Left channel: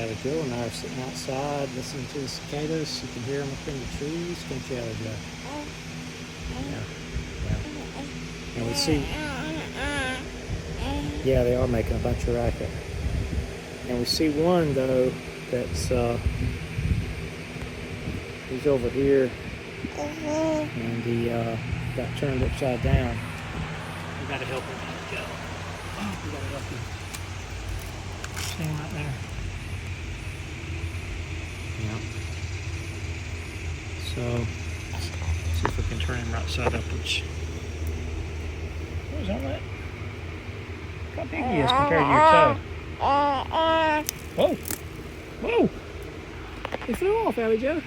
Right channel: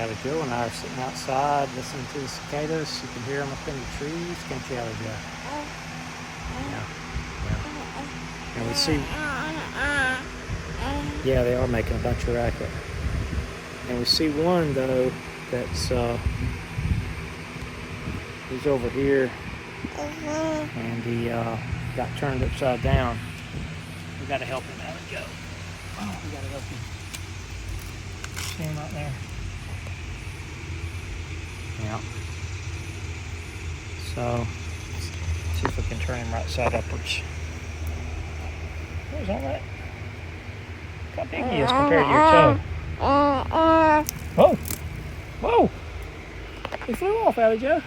Allie Joe and I are sitting outside listening to the cicadas. You can hear them up in the trees. Can't you, Allie Joe? Yeah. And we see, yeah, they are making a bunch of racket. And we see one though that's he's over here, and he got turned upside down. We gotta help him, Allie Joe. We gotta help him. See him right there? Yeah. So, see if we can turn him right side upwards. What's on that? Look how big he is compared to your toe. Whoa! Whoa! He flew off, Allie Joe.